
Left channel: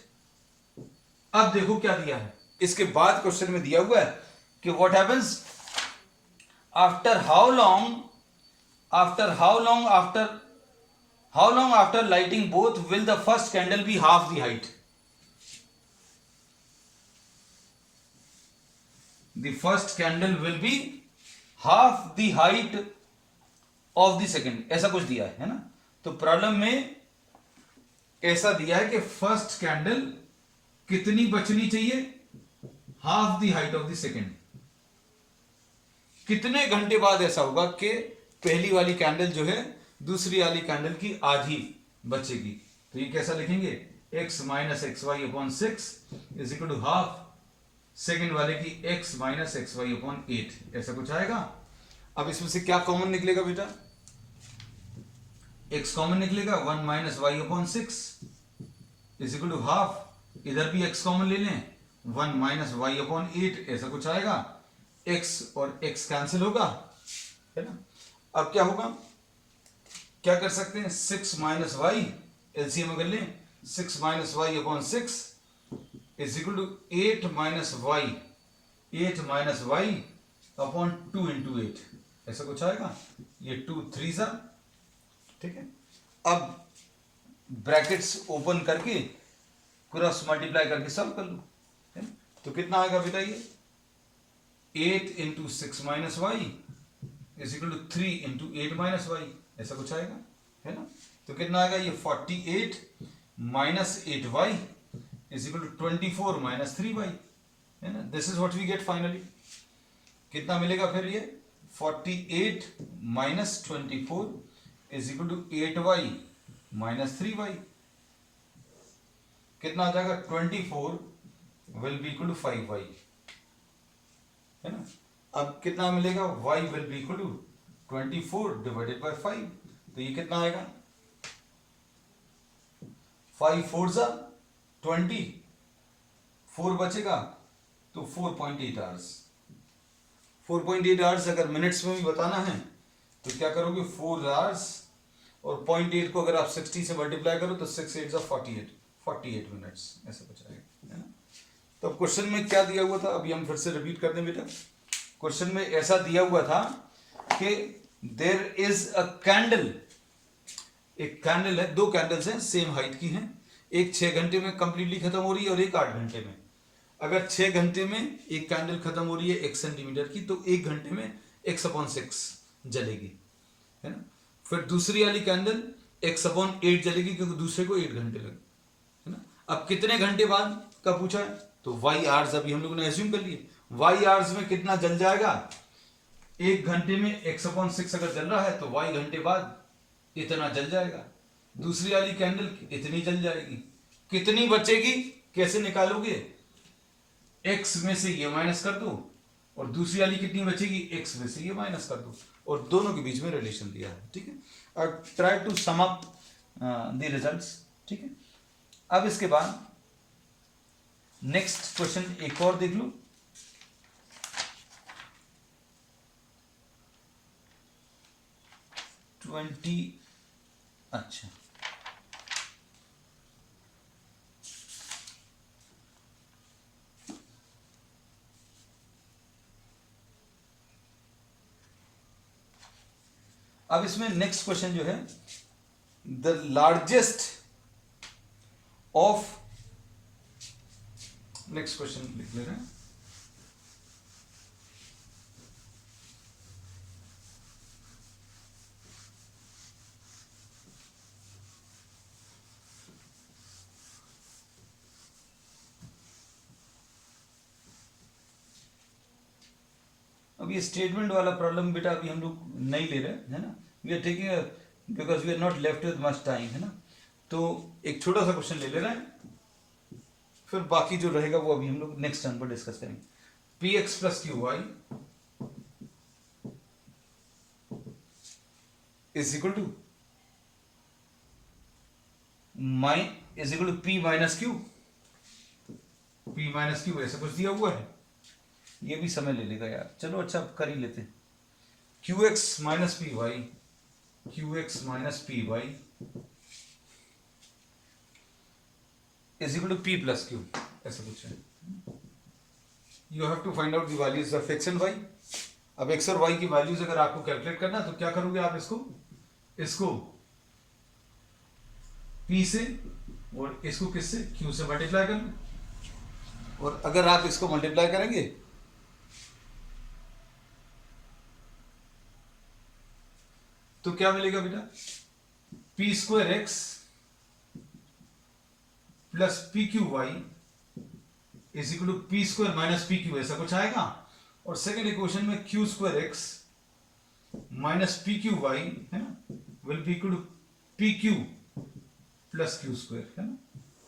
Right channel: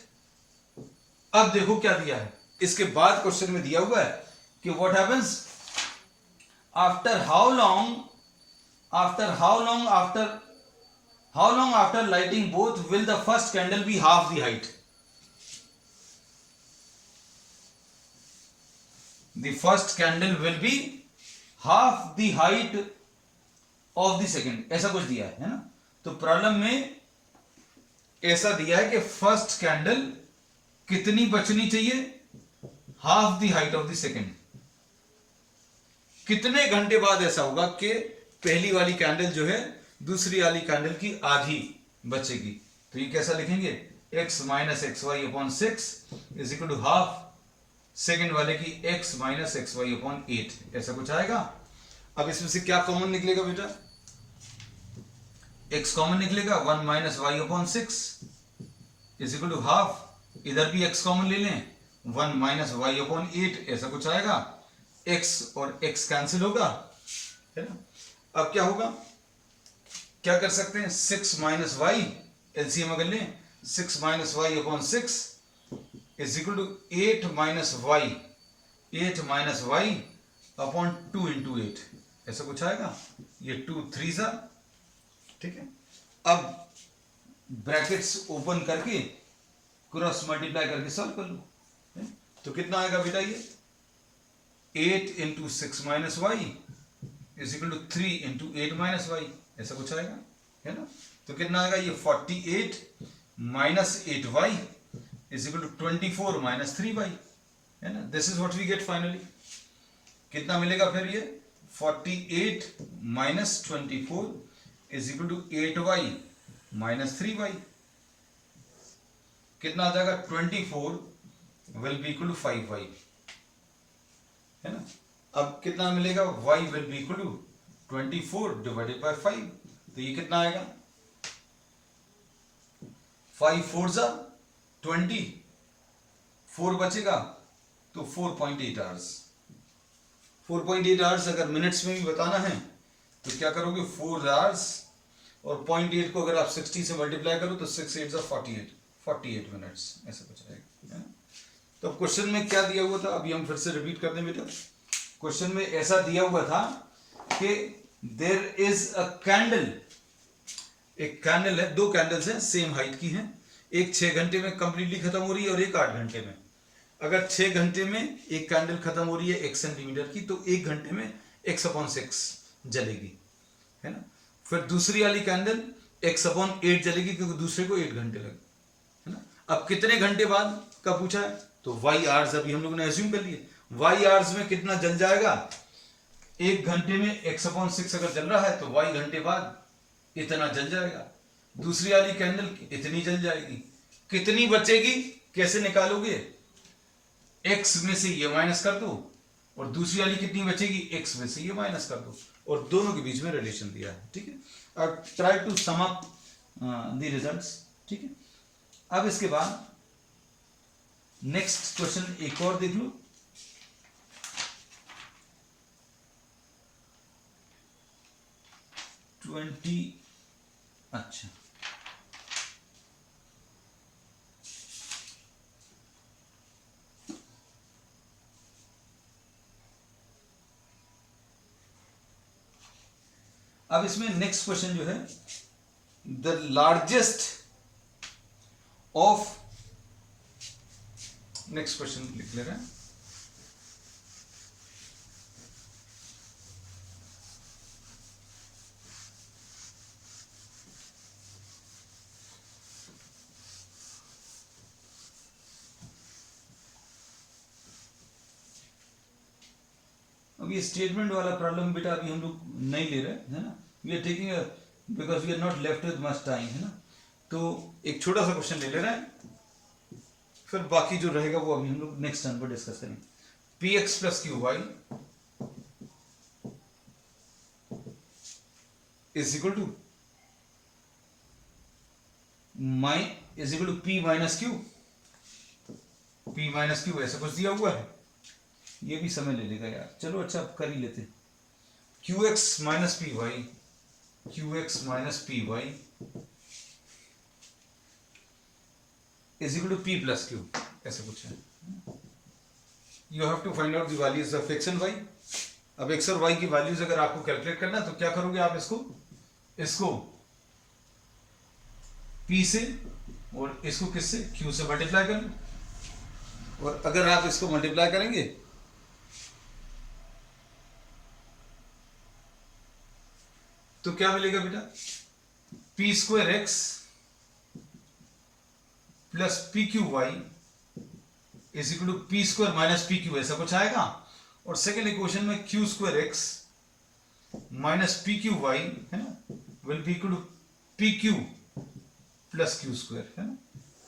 अब देखो क्या दिया है, इसके बाद क्वेश्चन में दिया हुआ है कि what happens after how long after lighting both will the first candle be half the height. The first candle will be half the height of the second, ऐसा कुछ दिया है ना। तो प्रॉब्लम में ऐसा दिया है कि फर्स्ट कैंडल कितनी बचनी चाहिए? Half the height of the second. कितने घंटे बाद ऐसा होगा कि पहली वाली कैंडल जो है दूसरी वाली कैंडल की आधी बचेगी। तो ये कैसा लिखेंगे, x minus x y upon 6 is equal to half second वाले की x minus x y upon 8, ऐसा कुछ आएगा। अब इसमें से क्या कॉमन निकलेगा बेटा, x कॉमन निकलेगा, 1 minus y upon 6 is equal to half, इधर भी x कॉमन ले लें, 1 माइनस वाई अपॉन 8, ऐसा कुछ आएगा। x और x कैंसिल होगा, है ना। अब क्या होगा, क्या कर सकते हैं, 6 माइनस वाई एलसीएम अगर लें, 6 minus y upon 6 is equal to 8 minus y, 8 minus y upon 2 into 8, ऐसा कुछ आएगा। ये 2 3 सा, ठीक है। अब ब्रैकेट्स ओपन करके क्रॉस मल्टीप्लाई करके सॉल्व कर लो, है? तो कितना आएगा बेटा, ये 8 into 6 minus y is equal to 3 into 8 minus y, ऐसा कुछ आएगा, है ना। तो कितना आएगा, ये 48 minus 8 y is equal to 24 minus 3 y, है ना। This is what we get finally. कितना मिलेगा फिर, ये 48 minus 24 is equal to 8 y minus 3 y. कितना आ जाएगा, 24 will be equal to 5 y, है ना। अब कितना मिलेगा, y will be equal to 24 divided by 5, तो ये कितना आएगा, 5 4 जा 20, 4 बचेगा तो 4.8 आवर्स। 4.8 आवर्स अगर मिनट्स में भी बताना है तो क्या करोगे, 4 आवर्स और 0.8 को अगर आप 60 से मल्टीप्लाई करो तो 6 8 जा 48 मिनट्स, ऐसा कुछ आएगा, है ना। तो क्वेश्चन में क्या दिया हुआ था, अभी हम फिर से रिपीट कर दें बेटा। क्वेश्चन में ऐसा दिया हुआ था कि देयर इज अ कैंडल, एक कैंडल है, दो कैंडल्स हैं सेम हाइट की हैं, एक 6 घंटे में कंप्लीटली खत्म हो रही है और एक 8 घंटे में। अगर 6 घंटे में एक कैंडल खत्म हो रही है 1 सेंटीमीटर की, तो 1 घंटे में x/6 जलेगी, है ना। फिर दूसरी वाली कैंडल x/8 जलेगी क्योंकि दूसरे को 8 घंटे लगे, है ना। अब कितने घंटे बाद का पूछा है, तो y आवर्स अभी हम लोगों ने एज्यूम कर लिए, y आवर्स में कितना जल जाएगा, 1 घंटे में x/6 अगर जल रहा है तो y घंटे बाद इतना जल जाएगा। दूसरी वाली कैंडल इतनी जल जाएगी, कितनी बचेगी कैसे निकालोगे, x में से ये माइनस कर दो और दूसरी वाली कितनी बचेगी, x में से ये माइनस कर दो, और दोनों के बीच में रिलेशन दिया है, ठीक है। अब try to sum up the results, ठीक है। अब इसके बाद नेक्स्ट क्वेश्चन एक और देख लो, अच्छा अब इसमें नेक्स्ट क्वेश्चन जो है, the largest of, next question लिख ले रहे हैं, अब ये स्टेटमेंट वाला प्रॉब्लम बेटा अभी हम लोग नहीं ले रहे, है ना। We are taking because we are not left with much time, है ना। तो एक छोटा सा क्वेश्चन ले रहे हैं, फिर बाकी जो रहेगा वो अभी हम लोग नेक्स्ट टर्न पर डिस्कस करेंगे। P x plus q y is equal to p minus q, p minus q ऐसा कुछ दिया हुआ है, ये भी समय ले लेगा यार, चलो अच्छा अब कर ही लेते। Q x minus p y, q x minus p y is equal to p plus q, ऐसा कुछ है। You have to find out the values of x and y. अब एक्स और वाई की वैल्यूज अगर आपको कैलकुलेट करना है तो क्या करोगे आप, इसको पी से और इसको किससे, क्यू से मल्टीप्लाई कर लो, और अगर आप इसको मल्टीप्लाई करेंगे तो क्या मिलेगा बेटा, p square x plus p q y is equal to p square minus p q, ऐसा कुछ आएगा। और सेकेंड इक्वेशन में q square x minus p q y है ना will be equal to p q plus q square है ना।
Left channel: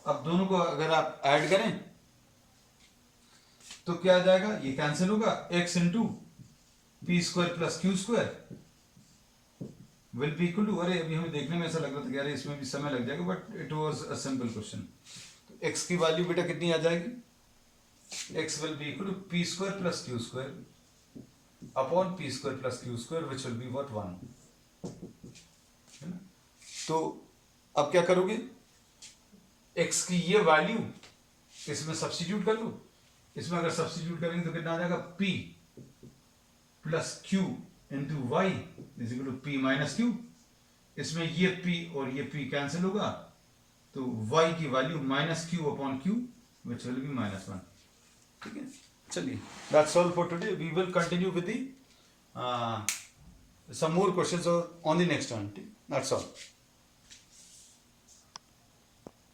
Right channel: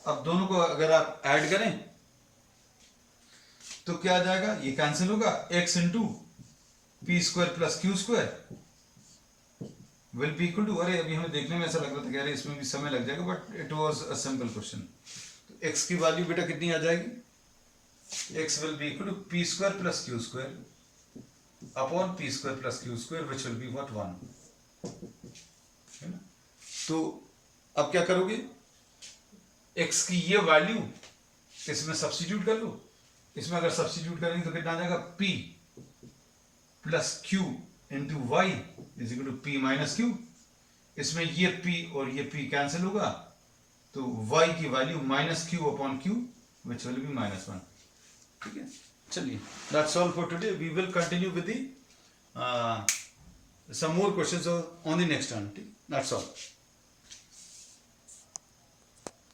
अब दोनों को अगर आप ऐड करें तो क्या आ जाएगा, ये कैंसिल होगा, x into p square plus q square will be equal to, अरे अभी हमें देखने में ऐसा लग रहा था कि अरे इसमें भी समय लग जाएगा, but it was a simple question. तो x की वैल्यू बेटा कितनी आ जाएगी, x will be equal to p square plus q square upon p square plus q square which will be what 1 है ना। तो अब क्या करोगे, x की ये वैल्यू इसमें सब्स्टिट्यूट कर लो, इसमें अगर सब्स्टिट्यूट करेंगे तो कितना आ जाएगा, p plus q into y is equal to p minus q. इसमें ये p और ये p कैंसिल होगा, तो y की value minus q upon q which will be -1। ठीक है, चलिए that's all for today, we will continue with the some more questions on the next one. That's all.